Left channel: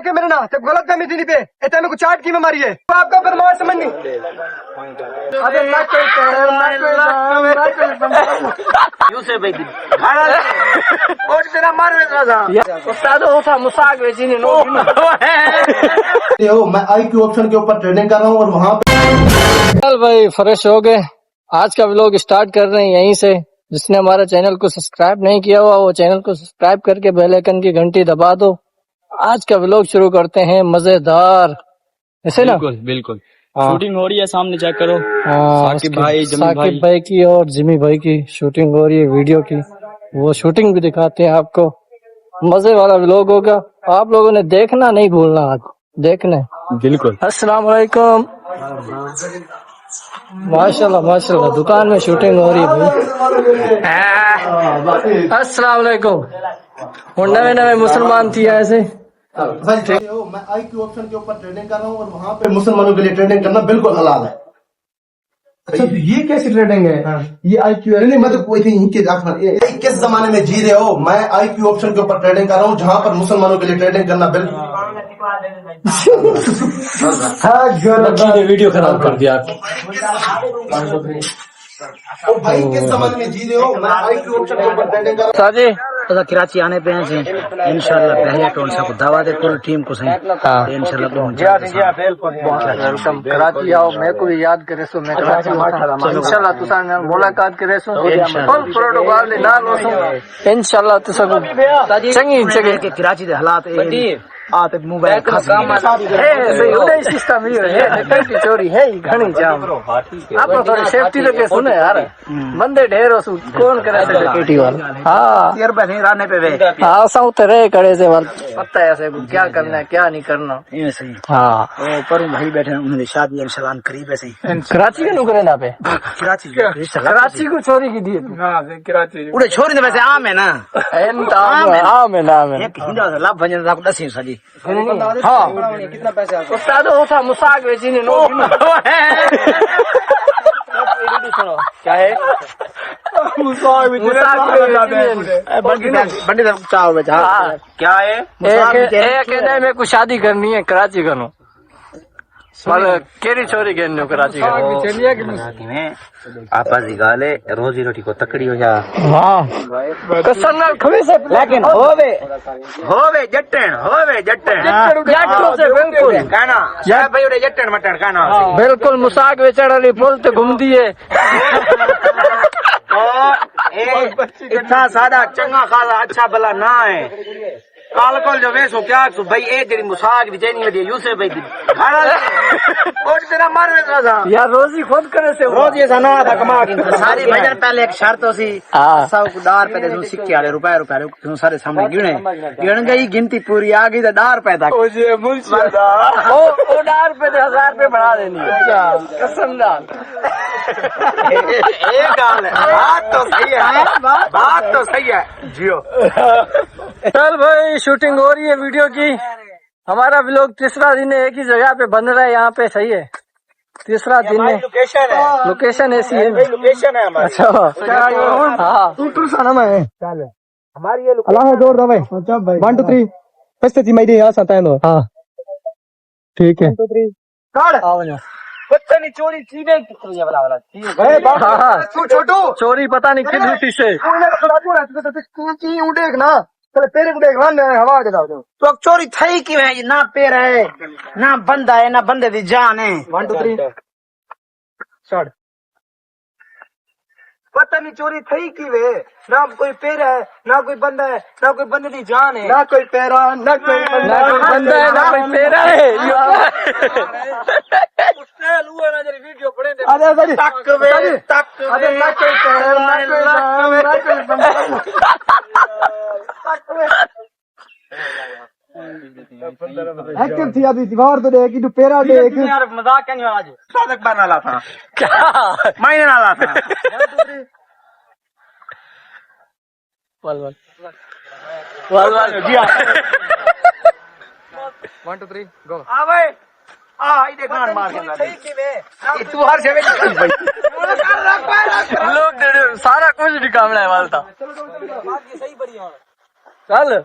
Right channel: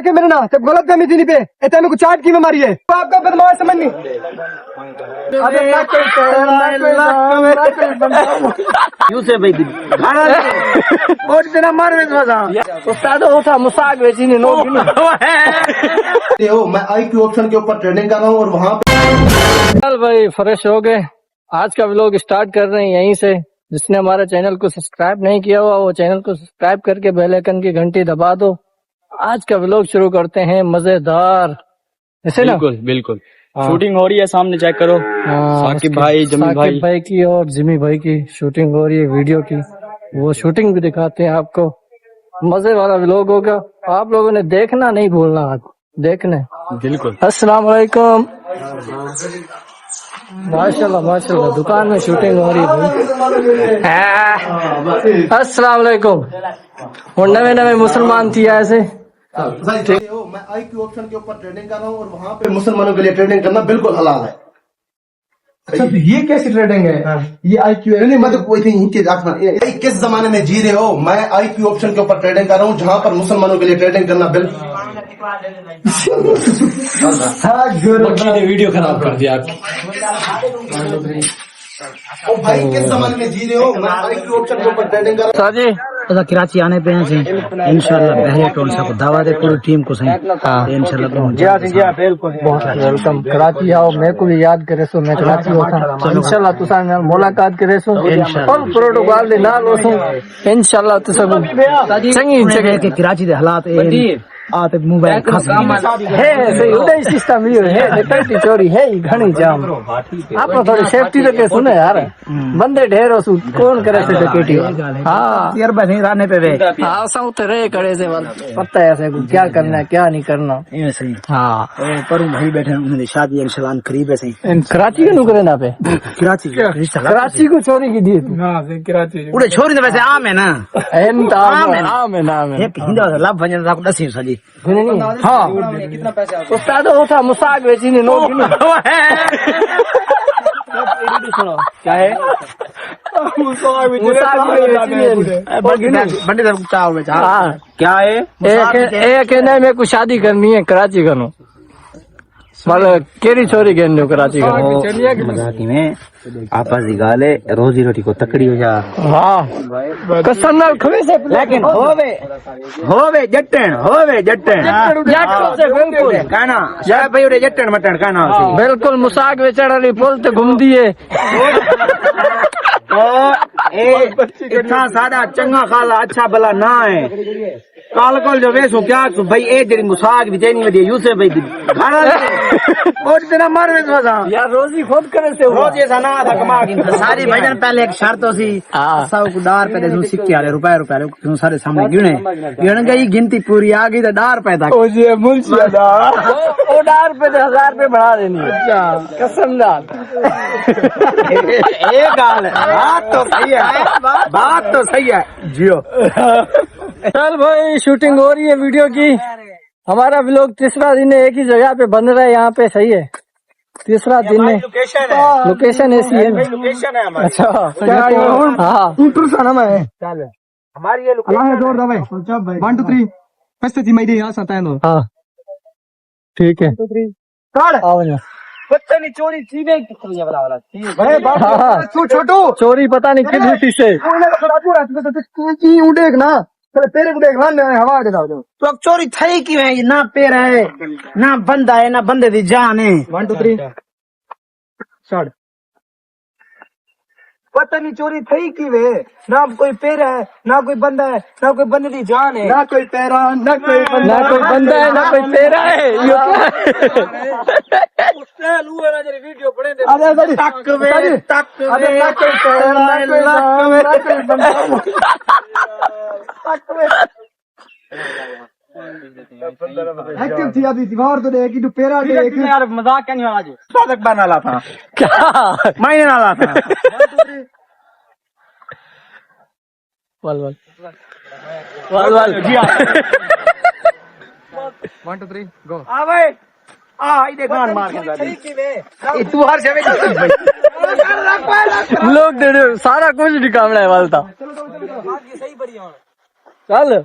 के मेरे ना जब गलत फहमी थी नहीं पे इतने में कुछ चाट की बीमारी है तो आपका फरमान समझ नहीं। अबे ना कोई शहर ना कोई गांव ना कोई बंदा यूसे भाई और तेरा मार में उस्ताद होता मुसाक बेचीनी नो हो मैं IQ ऑप्शन के ऊपर ट्रेनिंग कर रहा हूँ और वहाँ पे चल भाई फ्रेश हो गए। आज का व्लॉग स्टार्ट कर रहे हैं यहीं से। जिसने हमारे चैनल को सब्सक्राइब नहीं किया हुआ वो चैनल को सब्सक्राइब करके बेल आइकन की घंटी दबा दो। आज का व्लॉग शुरू करते हैं मजेदार ऐसे ना। बिल्कुल बिल्कुल शूटिंग हो रही है सामने चेक करो। साकिब भाई जमी साकिब भाई की और जिमी भाई की शूटिंग हो रही है वीडियो की। वो शूटिंग भी दिखाते हैं आपको। मजे वाला व्लॉग होगा। आप लोगों ने देखना नहीं भूलना। आज देखने बिल्कुल। अस्सलाम वालेकुम। माशाल्लाह माशाल्लाह दुकान में शूटिंग हो रही है भाई। अस्सलाम वालेकुम। और नवे नवे मुसलमान थी ऐसे। हो मैं IQ ऑप्शन के ऊपर ट्रेनिंग कर रहा हूँ और वहाँ पे मुसलमानों के लिए ट्रेनिंग करना बिल्कुल हलाल है। अच्छा तो ये कैसी ट्रेडिंग है? ये IQ है नहीं मतलब कोई थी इनके किस जमाने में जी रहे हो? मैं IQ ऑप्शन के ऊपर ट्रेडिंग कर रहा हूँ जहाँ पर मुसलमानों के लिए ट्रेडिंग करना बिल्कुल वीडियो खराब कर दिया। भाई किस जमाने में जी रहे हो? मैं IQ ऑप्शन के ऊपर ट्रेडिंग कर रहा साजी कराची आने पे हैं सही इंशाल्लाह बहरे टोन से दावा दे पूरी टीम को सही। हाँ इंशाल्लाह पहुंच जाए। बहुत वेलकम। कराची आओ मैं को भी याद करे सो मैं कराची होता इंशाल्लाह तुसा नाल मुलाकात करे सो फुल प्रोटोकॉल दे नाल होसो इंशाल्लाह तुसा को चंगी जगह के कराची दे हालात आते मोबाइल खस है सही उदय सिस्टम ये है डकैती चोरी है घणी जाम। आप थोड़ी सेफ्टी लेके सुने यार बंदे ढेर हो कौन करे से डकैती वाला। हाँ यार बस रहने पे वे हाँ सब तो रहे करे से पता है ऐसे क्या करना है क्या नहीं करना। हाँ ओ पर भाई बैठे उन्होंने शादी इंशाल्लाह करीब है सही। कराची के नुकरे ना पे कराची को चोरी की दी तू कराची पूरे छोरी तो वैसे आम है ना आम है नाम है एक हिंदा लाभ भजन रात नसीब सली नहीं हाँ उस्ताद होता मुसाक बेचीनी नो क्या है क्या है एक में कुछ शादी करनी है कराची करो मतलब केरी छोरी कहने कराची करो में आपा जी गाले रोजी रोटी को तकड़ी हो जा कसम नाल खमी से लेकिन होवे जट्टन से बिल्कुल कहना शायद भाई रे जट्टन मटन कहना बिल्कुल मुसाक बेचारा नहीं पुल ते घूमती है इतना सादा चंगा खाला अच्छा भला ना है काल जो वेसो क्या भाई ए तेरी मुसाक भी चैनी में यूसे भाई और तेरा मार में यार रोजी खुद करे से हुआ रोजी सानो था कमा सारी भजन पहले एक शर्त हो सी सब डार पे दे सिक्के वाले रुपए तू सारे सामने गिन गई गिनती पूरी आ गई तो डार पैदा ओ डार पे 1000 रुपए बढ़ा देनी कसम दाल ये गाल बात तो सही है जियो। चल भाई शूटिंग हो रही है वीडियो की। हमारा व्लॉग तीसरा दिन है एक ही जगह पे बन रहा है यहाँ पे सही है तीसरा दिन है। लोकेशन ऐसी है ना अच्छा हाँ चल हमारी ये लोकेशन 1 2 3 कैसे थी मेरी यहाँ आता है हाँ ठीक है आओ ना चोरी चीजें छोटू चोरी पता नहीं किस ड्यूटी से देख ना तेरे को देखना हमारे तो अब चोरी थई क्यों है ना पैर है ना बंदा है ना बंदे दी जान है 1 2 3 पता नहीं चोरी थई क्यों है ना कोई पैर है ना कोई बंदा है ना कोई बंदे दी जान है ना कोई पैरा ना कोई बंदा है ना कोई पैरा है वीडियो पड़ेंगे ना कोई पैर ना कोई नाम ना कोई बंदा एक्टिव थी अभी दीवार तो देख तू पैरा देख यार मजाक क्या नहीं आज सादक बना ला था क्या मैंने ना ला था वाल 1 2 3 गो आ भाई आ इधर मार के तू हर से लोग दे सारा कुछ निकालना है वालता सही बढ़िया चल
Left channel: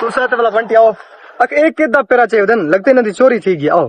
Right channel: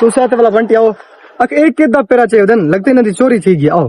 तू साथ वाला घंटी आओ एक कितना पेरा चाहिए उधर लगते ना चोरी थी गई आओ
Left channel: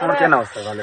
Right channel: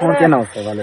और क्या ना होता वाले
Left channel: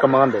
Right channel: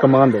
कमान दे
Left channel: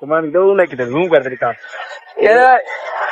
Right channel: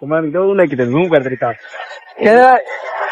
कमान दो लेके जूम कर दे का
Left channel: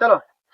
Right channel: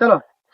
चलो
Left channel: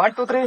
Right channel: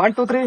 1 2 3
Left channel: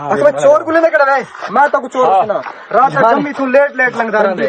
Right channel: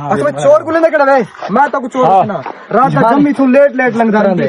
चोर को लेने कड़ा वे मैं तो चोर ना रात जम्मी तू लेट लंगदा रहंदे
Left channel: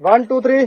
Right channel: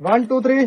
1 2 3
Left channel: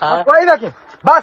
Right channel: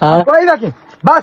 कोई ना की बस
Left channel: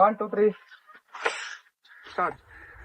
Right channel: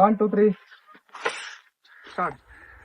1 2 3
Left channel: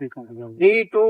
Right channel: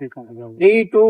3 2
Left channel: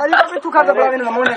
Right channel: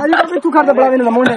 Ayo kami tukar dah belakang ni mana?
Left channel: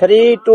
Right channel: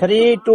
3 2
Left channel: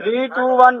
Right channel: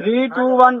3 2 1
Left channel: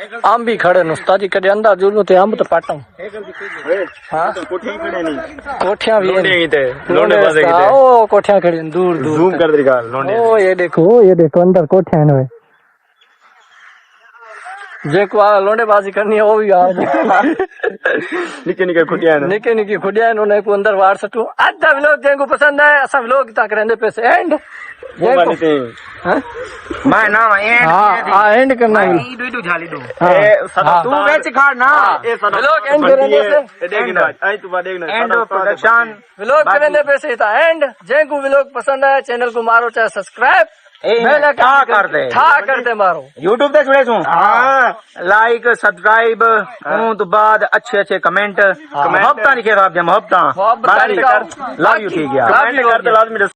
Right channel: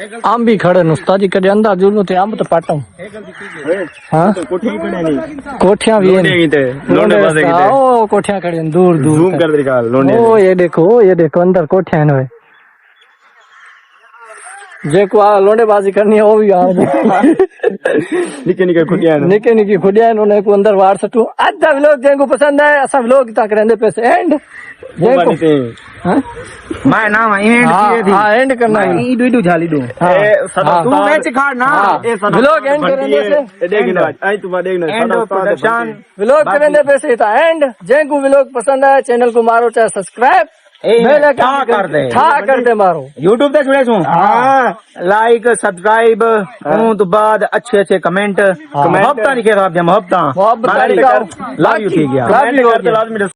Amb भी खड़े न उस्ताद जी कदे अंदर जुलूं ते अंब तो पाटूं हां कोठियां भी हैं लोंडे ओ कोठियां खड़ी हैं दूर दूर जूम कर दिखा लोंडे ओ ये देखो अंदर कोठियां हैं जेको आ लोंडे बाजी करनी है वो भी आ निके निके खुटिया है निकी निकी खुडिया उन्हें को अंदर वार सटू आज व्लॉग जेको पसंद है असा व्लॉग तक रहंदे पे एंड मैं ना एंड किए थी एंड करना मैं ई वीडियो झाली दूं तू वेच खाड़ ना व्लॉग एंड करने से देखना आई तू देखना एंड ऑफ प्रोडक्शन व्लॉग करने पे से था एंड जेको व्लॉग पसंद है चैनल को मारो चाहे सब्सक्राइब कर दे मारो यूट्यूब ते जुड़े छू लाइक सब्सक्राइब हूं तो बाद अच्छे कमेंट मोहब्बत लिखे आप मोहब्बत लव यू ठीक है कमेंट कर तो लाजमी